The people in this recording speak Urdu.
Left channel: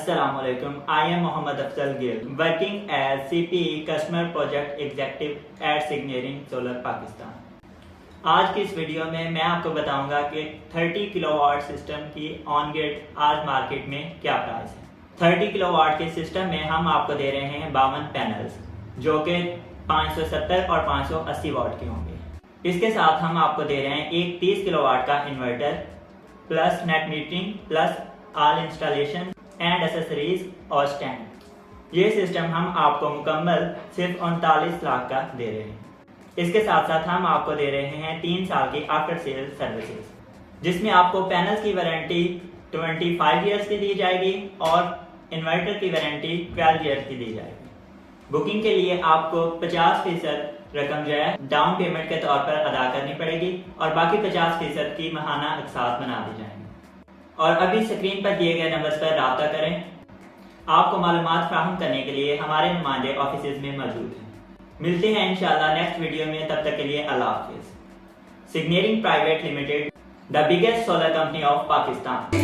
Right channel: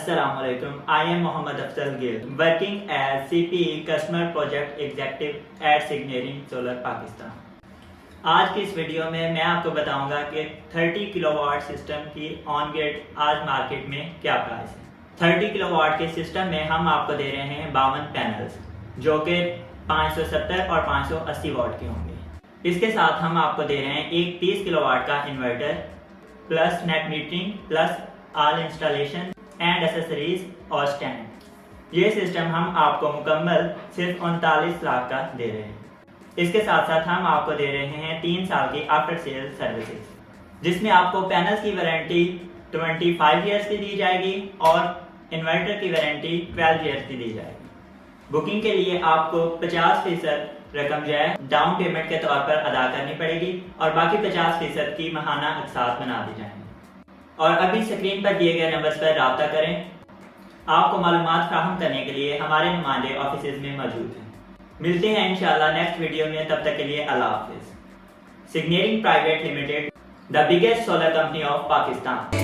Assalamu alaikum. I am Mohammad Afzal Gill, working as CPE Customer Project Executive at Signaring Solar Pakistan. آج کی اس ویڈیو میں آپ کو بتاؤں گا کہ 30 کلو واٹ سسٹم کی آن گریڈ آج مارکیٹ میں کیا پرائس ہے۔ 30 کلو واٹ کے سسٹم میں ہم آپ کو دے رہے ہیں 52 پینلز جو کہ 570 اور 580 واٹ کے ہوں گے۔ اس کے ساتھ ہم آپ کو دے رہے ہیں ایک 30 کلو واٹ کا inverter plus net metering plus all installation and accessories اور اسٹینڈ۔ یہ سسٹم ہم آپ کو مکمل صرف 39 لاکھ کا دے رہے ہیں۔ اس کے ساتھ ساتھ ہم آپ کو دے رہے ہیں 3 سال کی آفٹر سیل سروسز، جس میں آپ کو پینلز کی وارنٹی 25 ایئرس کی دی جائے گی اور انورٹر کی وارنٹی 12 ایئرس کی دی جائے گی۔ بکنگ کے لیے آپ کو 50% رقم جو ہے ڈاؤن پیمنٹ کے طور پر ادا کرنی پڑے گی اور باقی 50% کی ماہانہ اقساط بنا دی جائیں گی۔ اور ابھی اسکرین پر دیے گئے نمبرز پر رابطہ کریں۔ آپ کو معلومات فراہم کرنے کے لیے ہمارے نمائندے آفیسز میں موجود ہیں۔ ملتے ہیں انشاءاللہ نیکسٹ ویڈیو میں، تب تک کے لیے اللہ حافظ۔ سگنیرنگ private limited, the biggest solar company of Pakistan.